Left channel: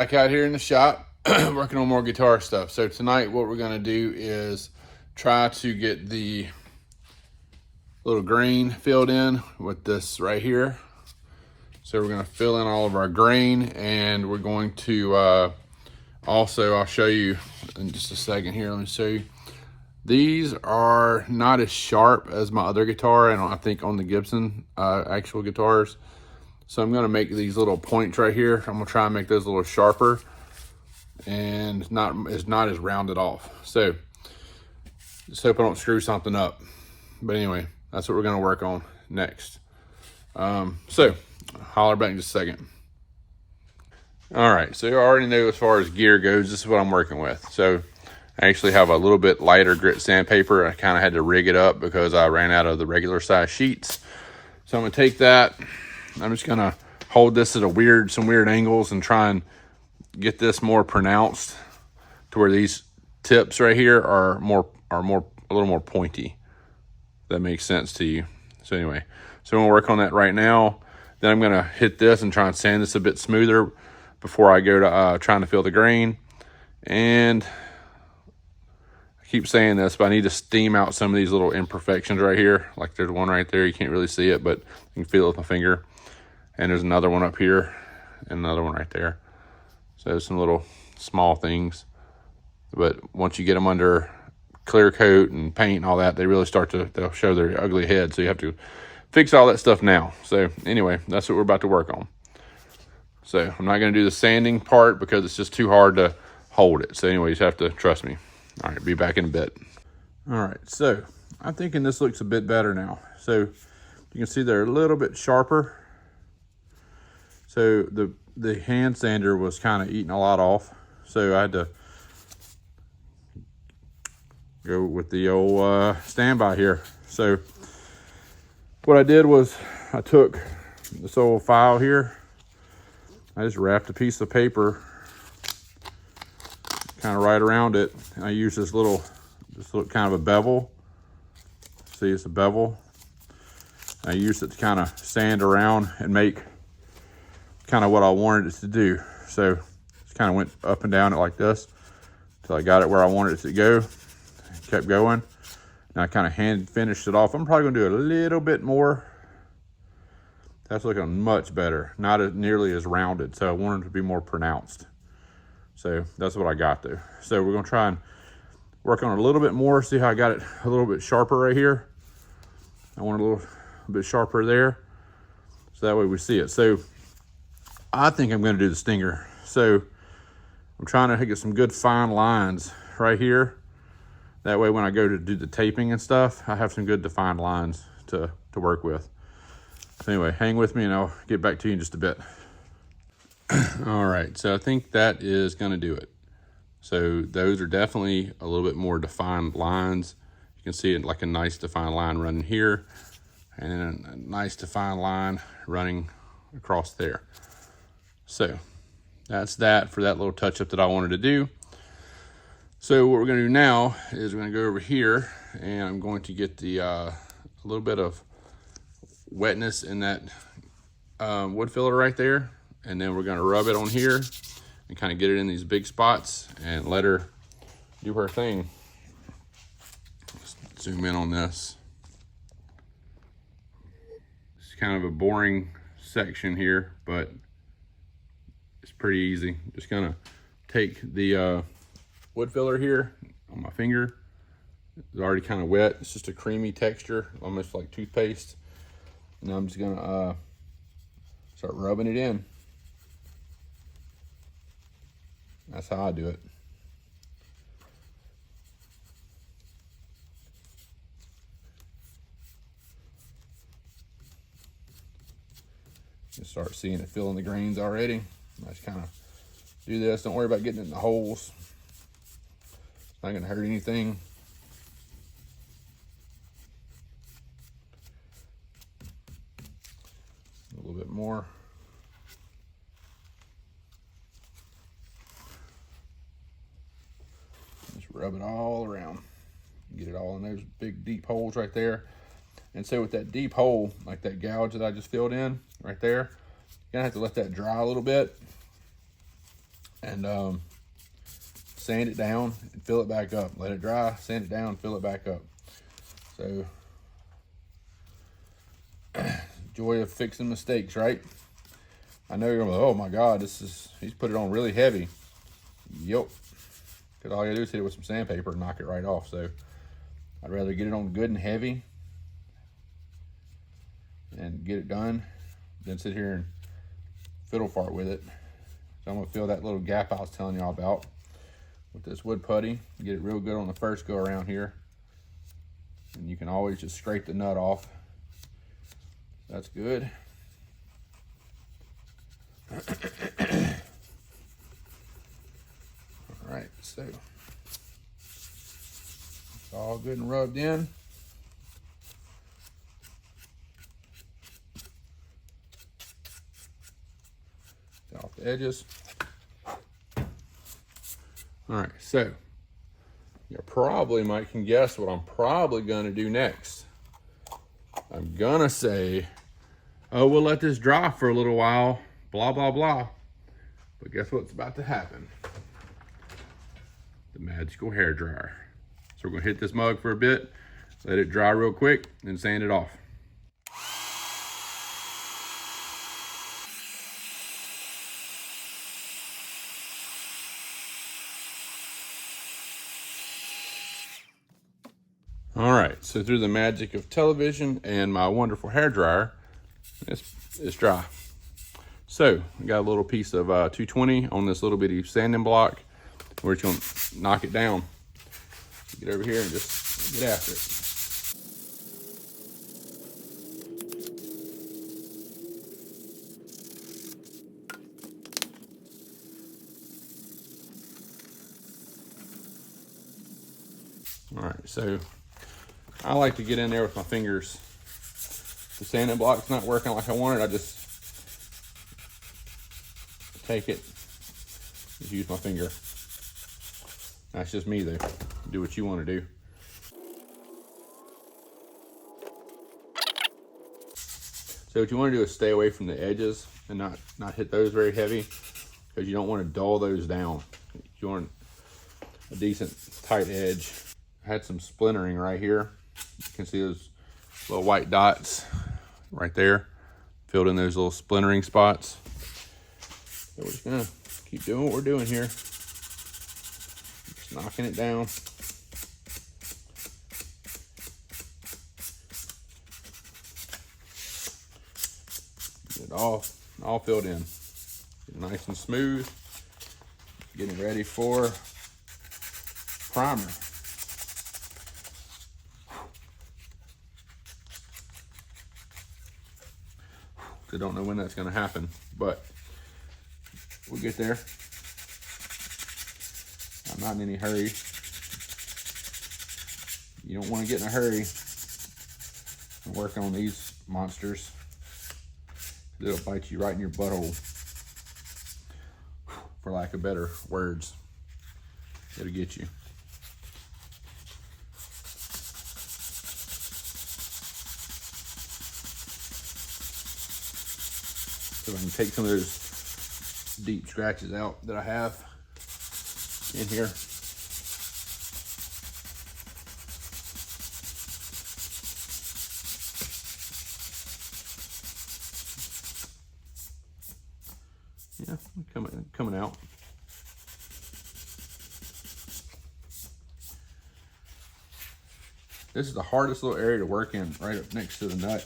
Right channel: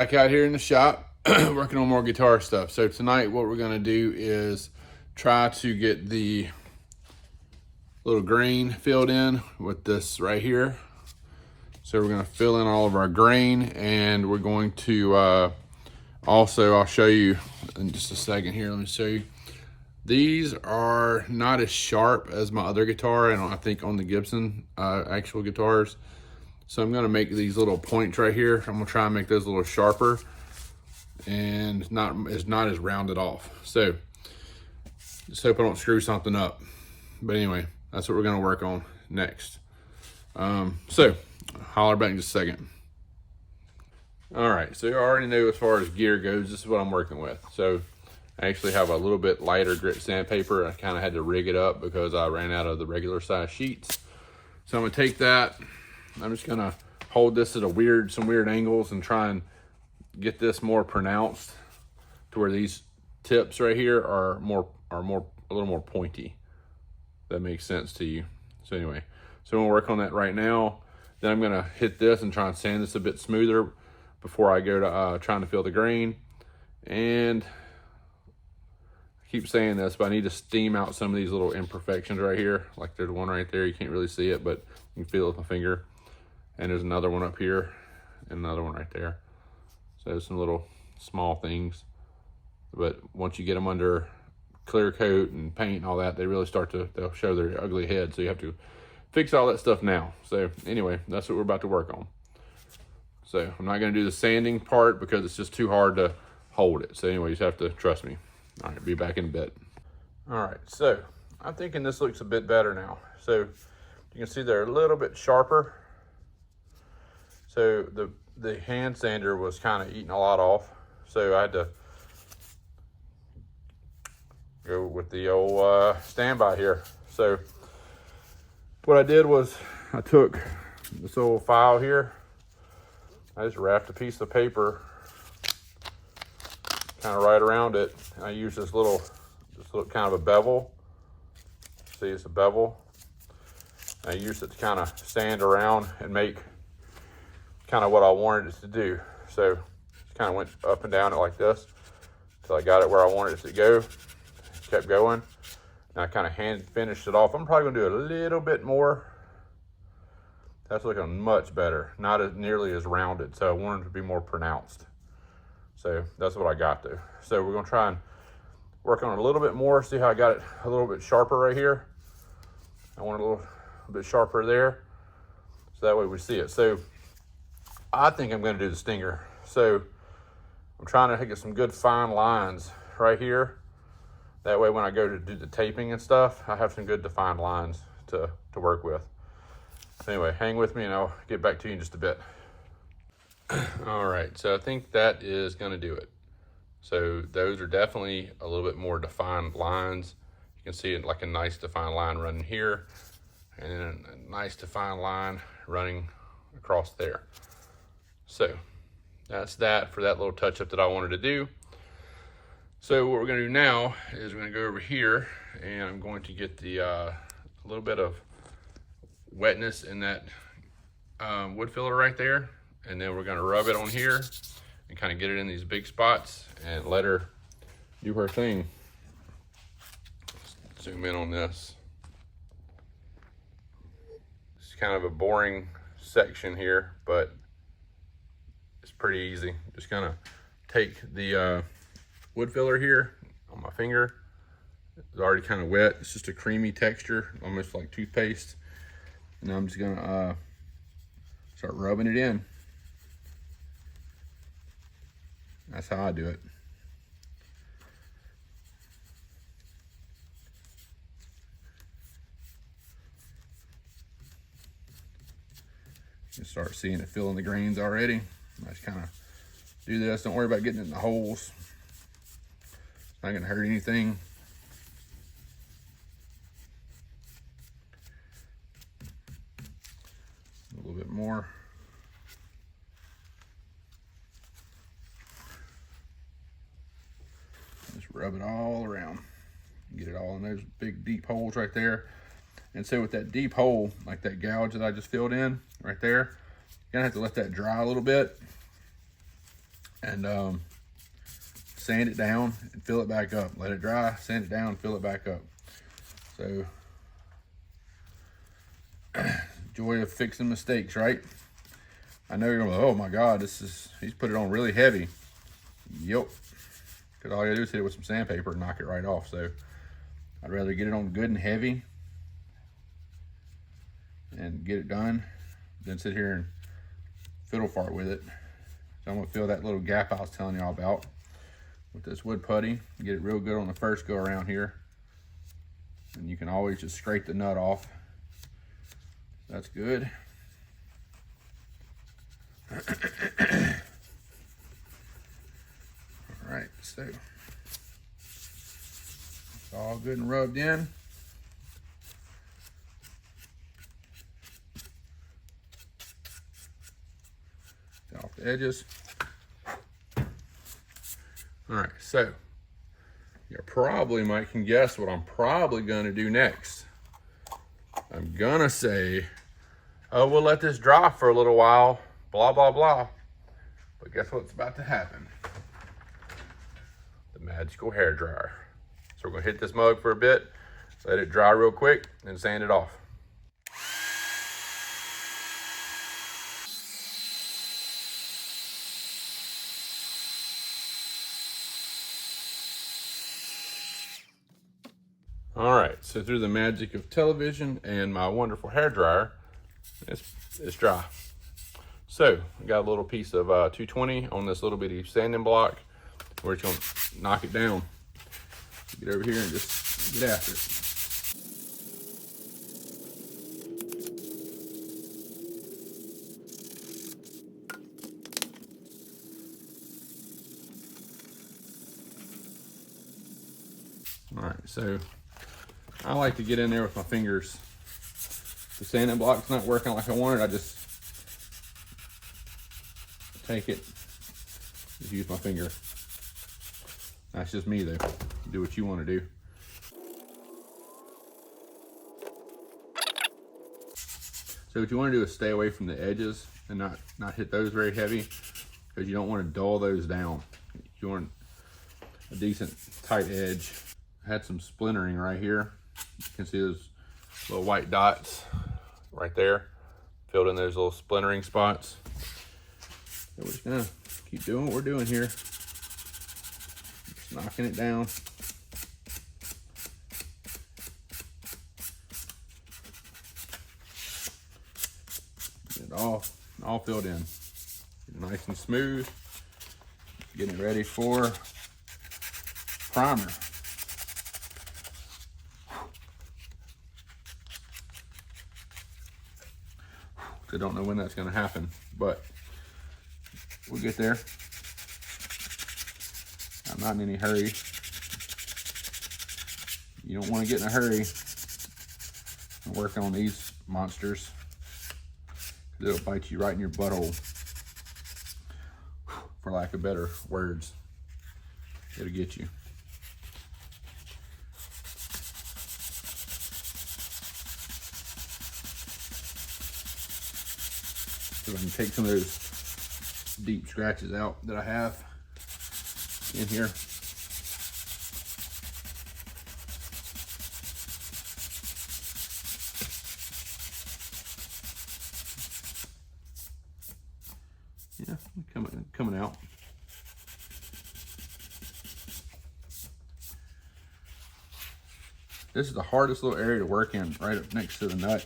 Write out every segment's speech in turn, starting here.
Back out here in the shop working on more guitar stuff. So tonight what we're gonna do is try to get the little grain filled in with this right here. So we're gonna fill in all of our grain, and we're going to also, I'll show you in just a second here. Let me show you. These are not as sharp as my other guitar, and I think on the Gibson actual guitars. So I'm gonna make these little points right here. I'm gonna try and make those a little sharper and it's not as rounded off. So just hope I don't screw something up. But anyway, that's what we're gonna work on next. So holler back in just a second. All right, so you already know as far as gear goes, this is what I'm working with. So I actually have a little bit lighter grit sandpaper. I kind of had to rig it up because I ran out of the regular size sheets. So I'm gonna take that, I'm just gonna hold this at some weird angles and try and get this more pronounced to where these tips right here are a little more pointy. If that makes sense to you. So anyway, so I'm gonna work on that right now. Then I'm gonna hit this and try and sand this a bit smoother before I go to trying to fill the grain. And I keep saying this, but I need to steam out some of these little imperfections right here. Like there's one right there, you can't really see it, but you can feel it with my finger. And there's another one up here and another one right there. So some little small things. But once you get them under clear coat and paint and all that, they really they'll show their ugly head. So you have to fix all that stuff now. So anyway, that's what we're about to work on. So I'm not gonna do the sanding part because it's just too hard to hold it. So anyway, you just have to trust me. All right, be back in a bit. All right, so I'm thinking this looks a bit better now. So you can see they're a little bit sharper. So the hand sander was kind of eating a lot off. So I had to go with the old standby here. So what I did was I took this old file here. I just wrapped a piece of paper kind of right around it. And I used this little kind of a bevel. See, it's a bevel. I used it to kind of sand around and make kind of what I wanted it to do. So just kind of went up and down it like this until I got it where I wanted it to go. Kept going. And I kind of hand finished it off. I'm probably gonna do a little bit more. That's looking much better. Not as nearly as rounded. So I wanted it to be more pronounced. So that's what I got there. So we're gonna try and work on it a little bit more. See how I got it a little bit sharper right here. I want it a little bit sharper there. So that way we see it. So I think I'm gonna do the stinger. So I'm trying to get some good fine lines right here. That way when I go to do the taping and stuff, I have some good defined lines to work with. So anyway, hang with me and I'll get back to you in just a bit. All right, so I think that is gonna do it. So those are definitely a little bit more defined lines. You can see it like a nice defined line running here and then a nice defined line running across there. So that's that for that little touch up that I wanted to do. So what we're gonna do now is we're gonna go over here and I'm going to get the a little bit of wetness in that wood filler right there. And then we're gonna rub it on here and kind of get it in these big spots and let her do her thing. Just zoom in on this. It's kind of a boring section here, but it's pretty easy. Just gonna take the wood filler here on my finger. It's already kind of wet. It's just a creamy texture, almost like toothpaste. And I'm just gonna start rubbing it in. That's how I do it. You start seeing it filling the grains already. I just kind of do this. Don't worry about getting it in the holes. It's not gonna hurt anything. A little bit more. Just rub it all around. Get it all in those big deep holes right there. And so with that deep hole, like that gouge that I just filled in right there, you're gonna have to let that dry a little bit. and sand it down and fill it back up. Let it dry, sand it down, fill it back up. So, joy of fixing mistakes, right? I know you're like, oh my God, he's put it on really heavy. Yep. Because all you do is hit it with some sandpaper and knock it right off. So I'd rather get it on good and heavy and get it done than sit here and fiddle fart with it. So I'm gonna fill that little gap I was telling y'all about with this wood putty. Get it real good on the first go around here. And you can always just scrape the nut off. That's good. All right, so it's all good and rubbed in. Off the edges. All right, so you probably might can guess what I'm probably gonna do next. I'm gonna say, oh, we'll let this dry for a little while, blah, blah, blah. But guess what's about to happen? The magical hair dryer. So we're gonna hit this mug for a bit, let it dry real quick, then sand it off. All right, so through the magic of television and my wonderful hair dryer, it's dry. So we got a little piece of 220 on this little bitty sanding block. We're just gonna knock it down. Get over here and just get after it. All right, so I like to get in there with my fingers. The sanding block's not working like I wanted. I just take it, just use my finger. That's just me though. Do what you want to do. So what you want to do is stay away from the edges and not hit those very heavy, because you don't want to dull those down. You want a decent tight edge. I had some splintering right here. You can see those little white dots right there, filled in those little splintering spots. So we're just gonna keep doing what we're doing here. Just knocking it down. Get it all filled in. Nice and smooth. Getting ready for primer. I don't know when that's going to happen, but we'll get there. I'm not in any hurry. You don't want to get in a hurry and work on these monsters, because it'll bite you right in your butthole, for lack of better words. It'll get you. So I can take some of those deep scratches out that I have in here. Yeah, coming out. This is the hardest little area to work in, right up next to the nut.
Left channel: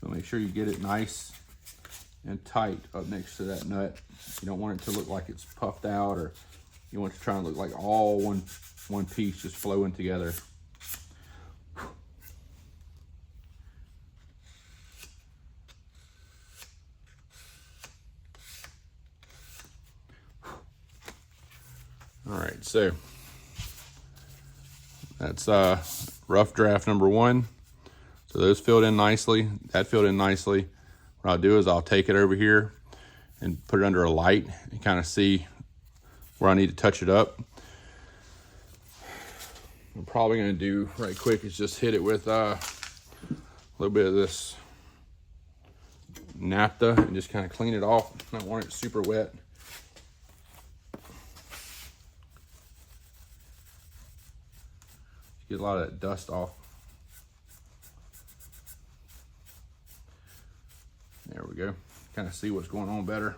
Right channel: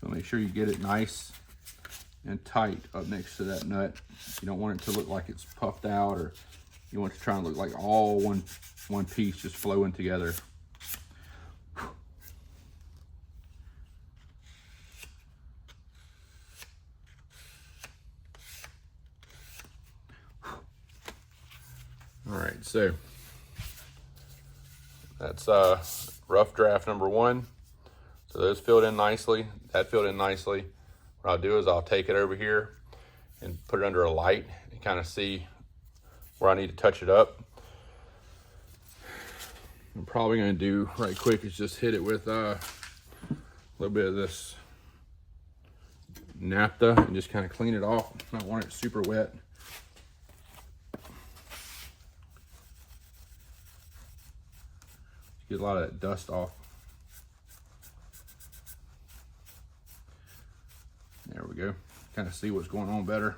So make sure you get it nice and tight up next to that nut. You don't want it to look like it's puffed out, or you want it to try and look like all one piece just flowing together. All right, so that's rough draft number 1. So those filled in nicely. That filled in nicely. what I'll do is I'll take it over here and put it under a light and kind of see where I need to touch it up. I'm probably gonna do right quick is just hit it with a little bit of this naphtha and just kind of clean it off. I don't want it super wet. Get a lot of that dust off. There we go. Kind of see what's going on better.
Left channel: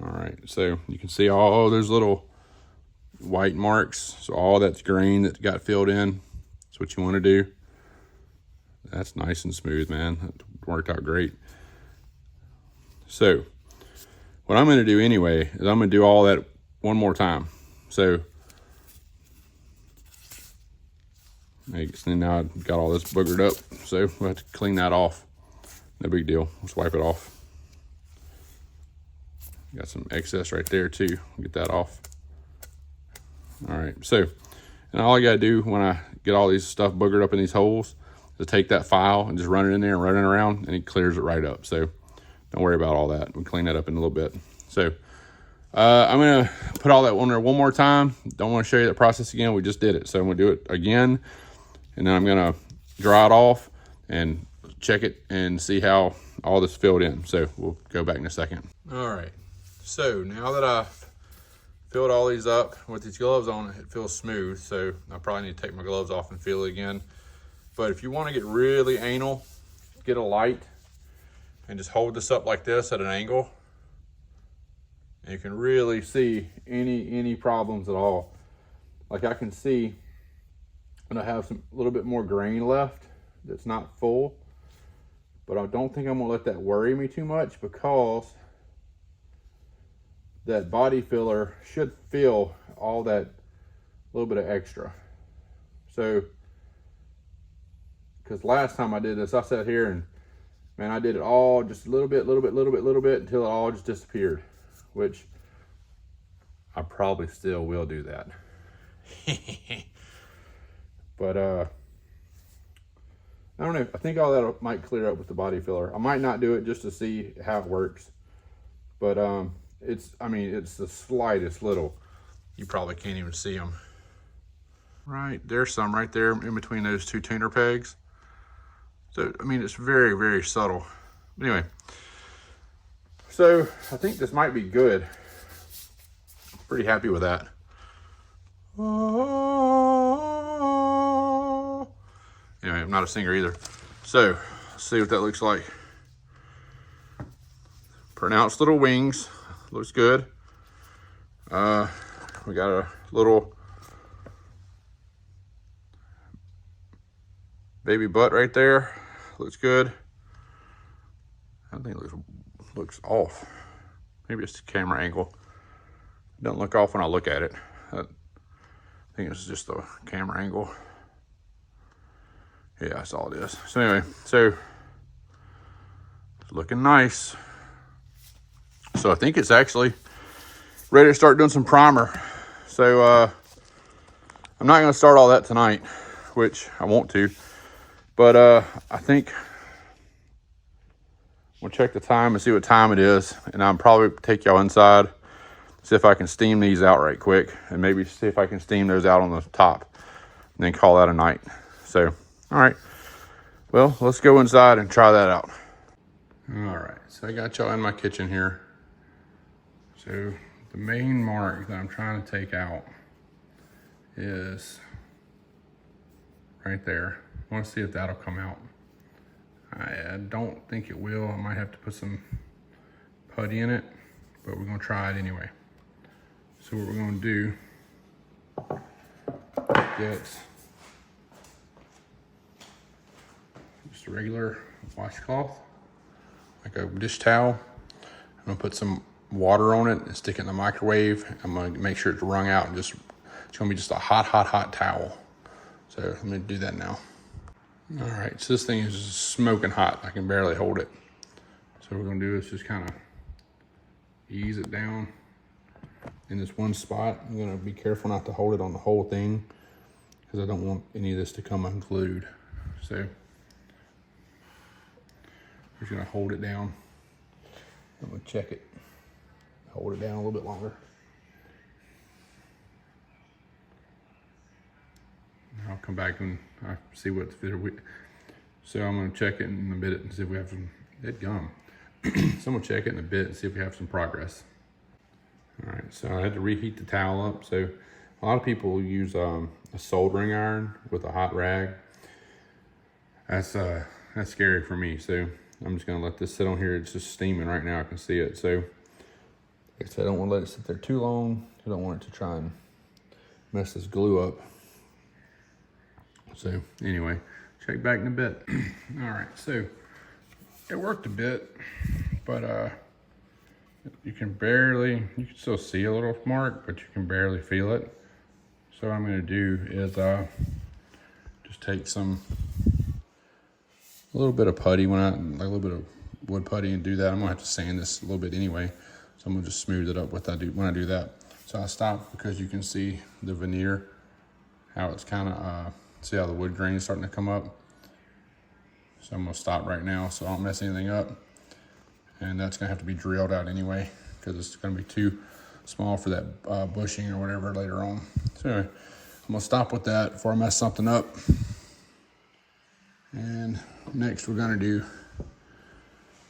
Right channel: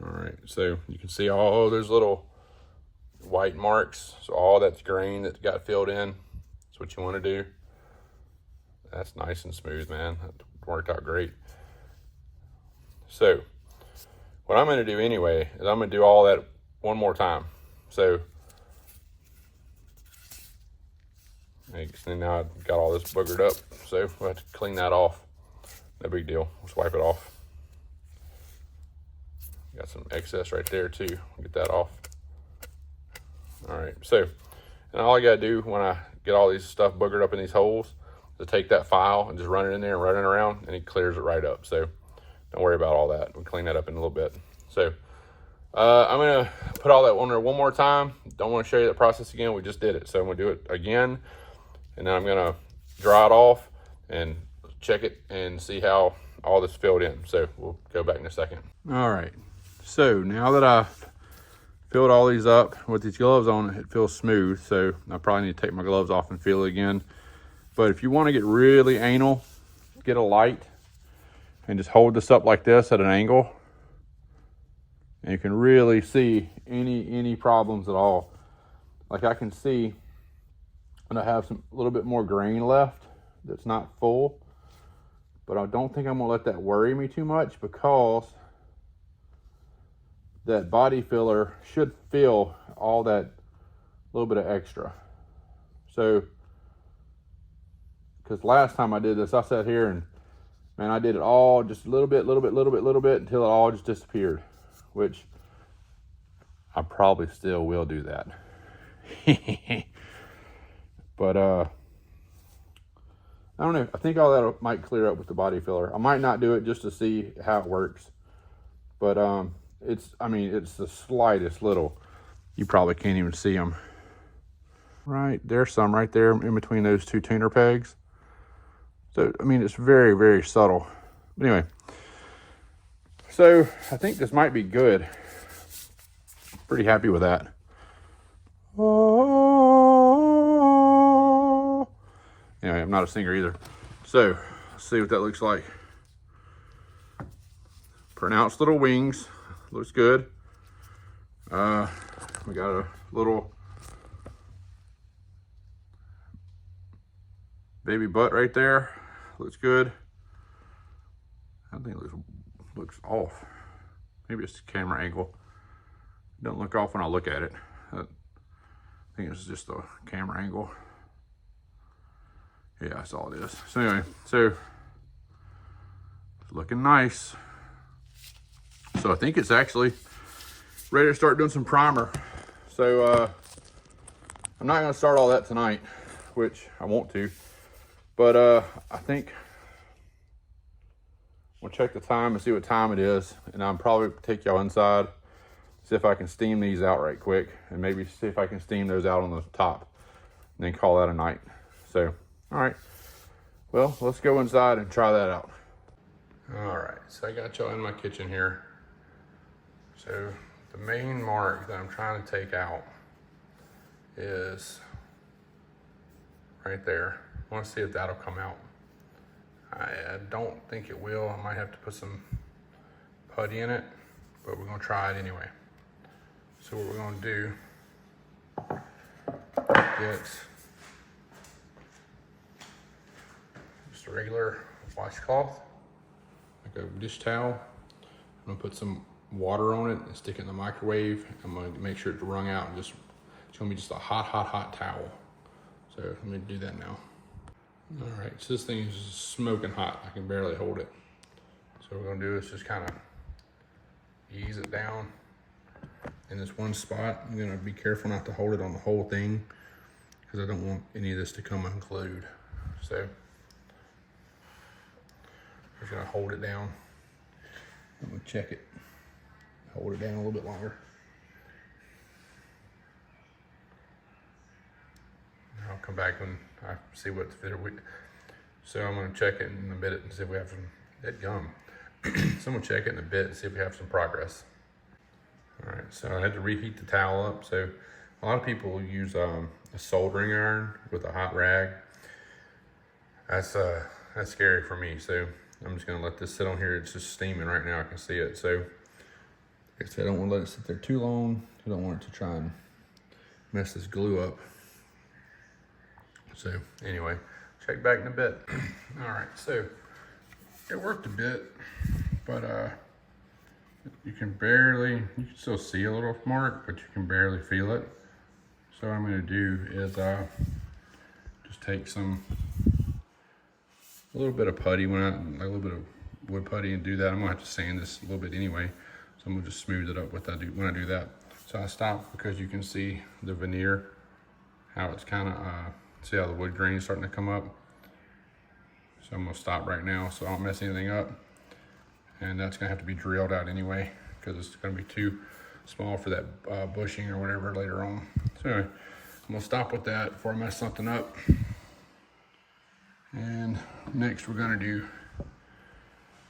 All right, so you can see all those little white marks. So all that's green that got filled in. That's what you want to do. That's nice and smooth, man. That worked out great. So what I'm going to do anyway is I'm going to do all that one more time. So now I've got all this boogered up, so we'll have to clean that off. No big deal. Just wipe it off. Got some excess right there too. Get that off. All right. So, and all I gotta do when I get all these stuff boogered up in these holes is take that file and just run it in there and run it around, and it clears it right up. So don't worry about all that. We'll clean that up in a little bit. So I'm gonna put all that on there one more time. Don't want to show you the process again. We just did it. So I'm gonna do it again, and then I'm gonna dry it off and check it and see how all this filled in. So we'll go back in a second. All right. So now that I've filled all these up with these gloves on, it feels smooth. So I probably need to take my gloves off and feel it again. But if you want to get really anal, get a light and just hold this up like this at an angle. And you can really see any problems at all. Like I can see and I have a little bit more grain left that's not full. But I don't think I'm gonna let that worry me too much, because that body filler should fill all that little bit of extra. So, because last time I did this, I sat here and, man, I did it all just a little bit until it all just disappeared, which I probably still will do that. But I don't know. I think all that might clear up with the body filler. I might not do it just to see how it works, but it's the slightest little. You probably can't even see them. Right, there's some right there in between those two tuner pegs. So, I mean, it's very, very subtle. Anyway, so I think this might be good. Pretty happy with that. Anyway, I'm not a singer either. So, let's see what that looks like. Pronounced little wings. Looks good. We got a little baby butt right there. Looks good. I think it looks off. Maybe it's the camera angle. It doesn't look off when I look at it. I think it's just the camera angle. Yeah, that's all it is. So anyway, it's looking nice. So I think it's actually ready to start doing some primer. So I'm not gonna start all that tonight, which I want to, but I think we'll check the time and see what time it is, and I'll probably take y'all inside, see if I can steam these out right quick, and maybe see if I can steam those out on the top, and then call that a night. So, all right, well, let's go inside and try that out. All right, so I got y'all in my kitchen here. So the main mark that I'm trying to take out is right there. I want to see if that'll come out. I don't think it will. I might have to put some putty in it, but we're gonna try it anyway. So what we're gonna do, get just a regular washcloth, like a dish towel. I'm gonna put some water on it and stick it in the microwave. I'm gonna make sure it's wrung out, and it's gonna be just a hot towel. So I'm gonna do that now. All right, so this thing is smoking hot. I can barely hold it. So what we're gonna do is just kind of ease it down in this one spot. I'm gonna be careful not to hold it on the whole thing because I don't want any of this to come unglued. So I'm just gonna hold it down. I'm gonna check it. Hold it down a little bit longer. I'll come back when I see what's fit. So I'm gonna check it in a bit and see if we have some dead gum. So I'm gonna check it in a bit and see if we have some progress. All right, so I had to reheat the towel up. So a lot of people use a soldering iron with a hot rag. That's scary for me. So I'm just gonna let this sit on here. It's just steaming right now, I can see it. So like I said, I don't wanna let it sit there too long. I don't want it to try and mess this glue up. So anyway, check back in a bit. All right, so it worked a bit, but you can still see a little mark, but you can barely feel it. So what I'm gonna do is just take a little bit of putty, like a little bit of wood putty, and do that. I'm gonna have to sand this a little bit anyway, so I'm gonna just smooth it up when I do that. So I stopped because you can see the veneer, how it's kind of, see how the wood grain is starting to come up. So I'm gonna stop right now so I don't mess anything up. And that's gonna have to be drilled out anyway because it's gonna be too small for that bushing or whatever later on. So anyway, I'm gonna stop with that before I mess something up. And next we're gonna do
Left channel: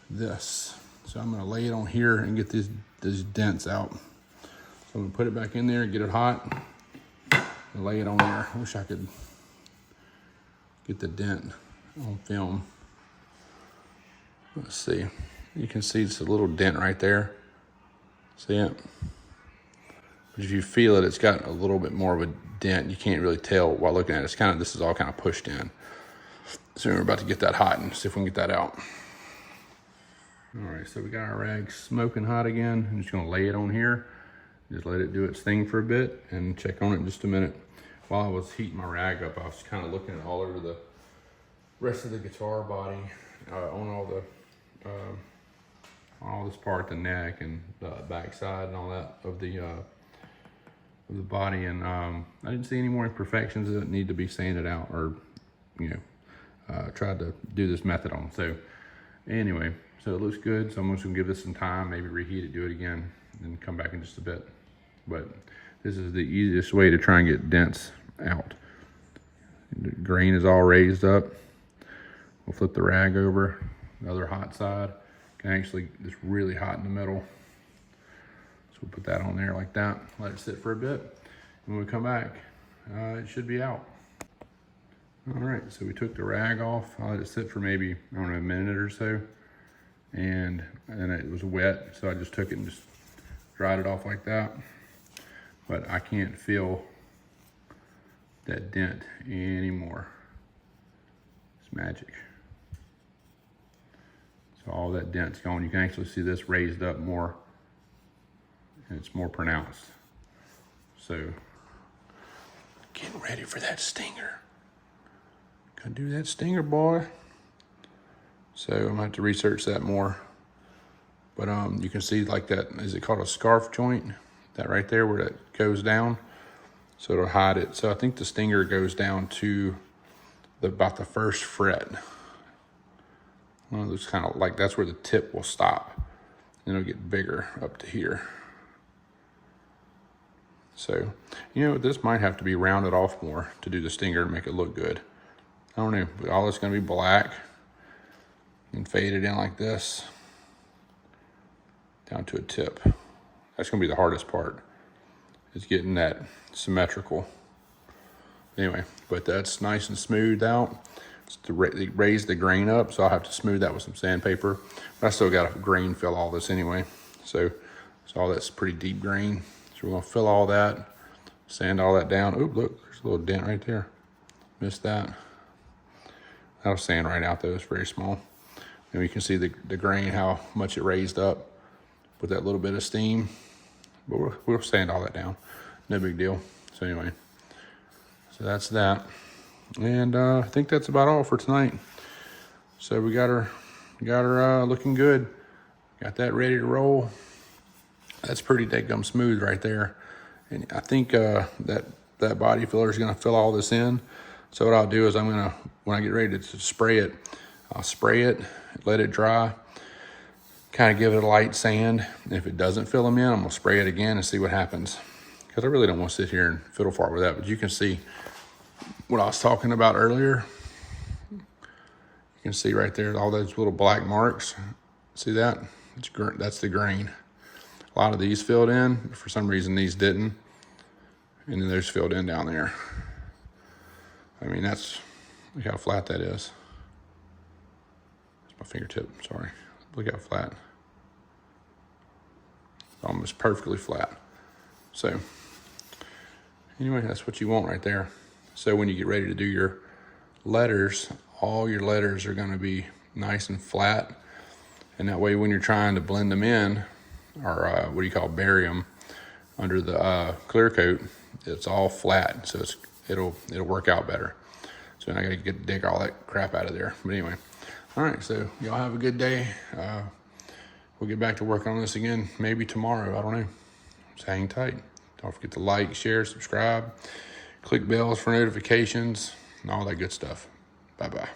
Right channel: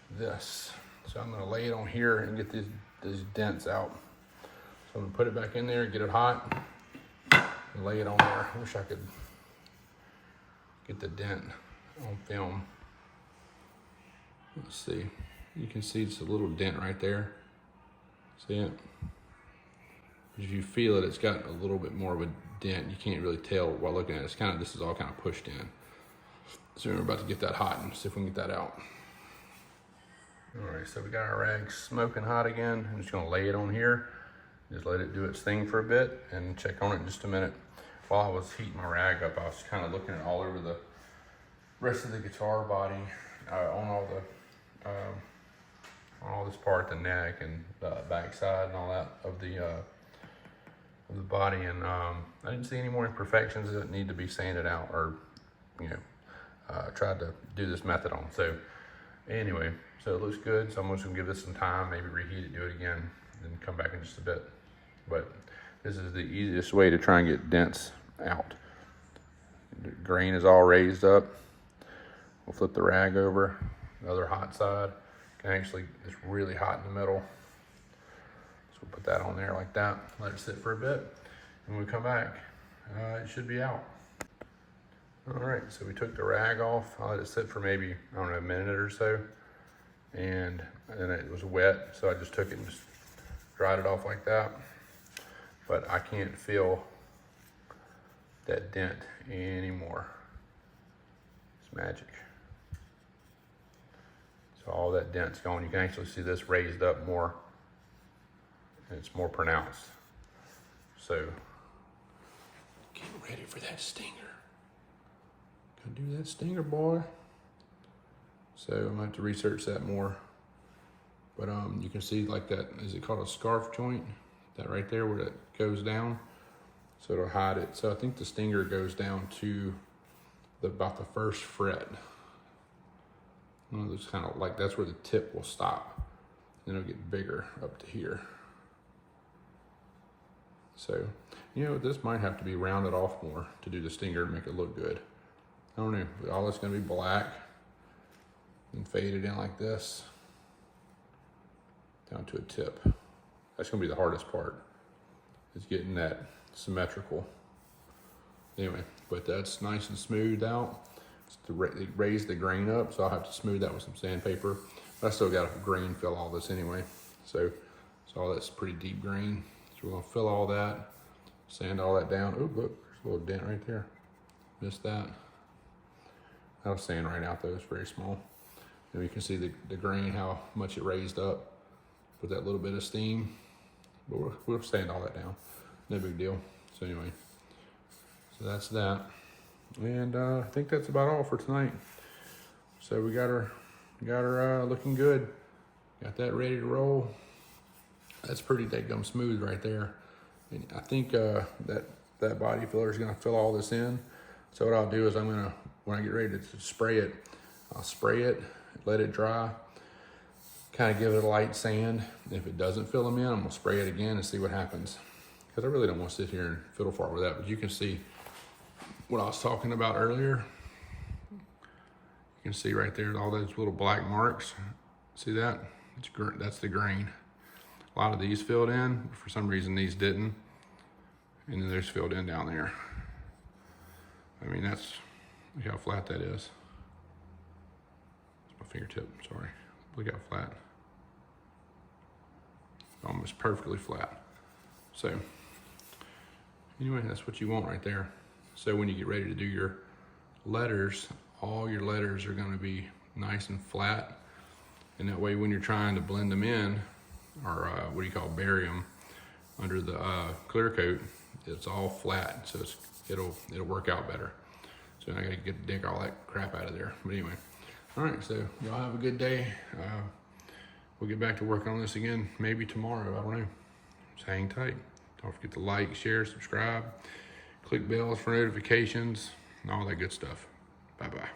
this. So I'm gonna lay it on here and get these dents out. So I'm gonna put it back in there, get it hot, and lay it on there. I wish I could get the dent on film. Let's see. You can see it's a little dent right there. See it? But if you feel it, it's got a little bit more of a dent. You can't really tell while looking at it. This is all kind of pushed in. So we're about to get that hot and see if we can get that out. All right, so we got our rag smoking hot again. I'm just gonna lay it on here. Just let it do its thing for a bit and check on it in just a minute. While I was heating my rag up, I was kind of looking all over the rest of the guitar body, on all this part, the neck and the back side and all that of the body, and I didn't see any more imperfections that need to be sanded out or, tried to do this method on. So anyway, so it looks good. So I'm just gonna give this some time, maybe reheat it, do it again, and come back in just a bit. But this is the easiest way to try and get dents out. The grain is all raised up. We'll flip the rag over, the other hot side. It's really hot in the middle. So we'll put that on there like that, let it sit for a bit. When we come back, it should be out. All right, so we took the rag off. I let it sit for maybe, I don't know, a minute or so. And then it was wet, so I just took it and just dried it off like that. But I can't feel that dent anymore. It's magic. So all that dent's gone. You can actually see this raised up more, and it's more pronounced. So getting ready for that stinger. Gonna do that stinger, boy. So I'm gonna have to research that more. But you can see like that, is it called a scarf joint? That right there where that goes down. So it'll hide it. So I think the stinger goes down to about the first fret. Well, it's kind of like, that's where the tip will stop. Then it'll get bigger up to here. So, this might have to be rounded off more to do the stinger to make it look good. I don't know, but all it's gonna be black and faded in like this, down to a tip. That's gonna be the hardest part, is getting that symmetrical. Anyway, but that's nice and smoothed out. It's to raise the grain up, so I'll have to smooth that with some sandpaper. But I still got a grain fill all this anyway. So all that's pretty deep grain. So we're gonna fill all that, sand all that down. Oh, look, there's a little dent right there. Missed that. That'll sand right out though, it's very small. And we can see the grain, how much it raised up with that little bit of steam. But we'll sand all that down, no big deal. So anyway, so that's that. And I think that's about all for tonight. So we got her looking good. Got that ready to roll. That's pretty daggum smooth right there. And I think that body filler is gonna fill all this in. So what I'll do is I'm gonna, when I get ready to spray it, I'll spray it, let it dry, kind of give it a light sand. And if it doesn't fill them in, I'm gonna spray it again and see what happens. Because I really don't want to sit here and fiddle fart with that, but you can see what I was talking about earlier. You can see right there, all those little black marks. See that? That's the grain. A lot of these filled in. For some reason, these didn't. And then there's filled in down there. I mean, look how flat that is. That's my fingertip, sorry. Look how flat. Almost perfectly flat. So, anyway, that's what you want right there. So when you get ready to do your letters, all your letters are gonna be nice and flat. And that way when you're trying to blend them in, or bury them under the clear coat, it's all flat, so it'll work out better. So I gotta dig all that crap out of there. But anyway, all right, so y'all have a good day. We'll get back to work on this again, maybe tomorrow, I don't know. Just hang tight. Don't forget to like, share, subscribe, click bells for notifications, and all that good stuff. Bye-bye.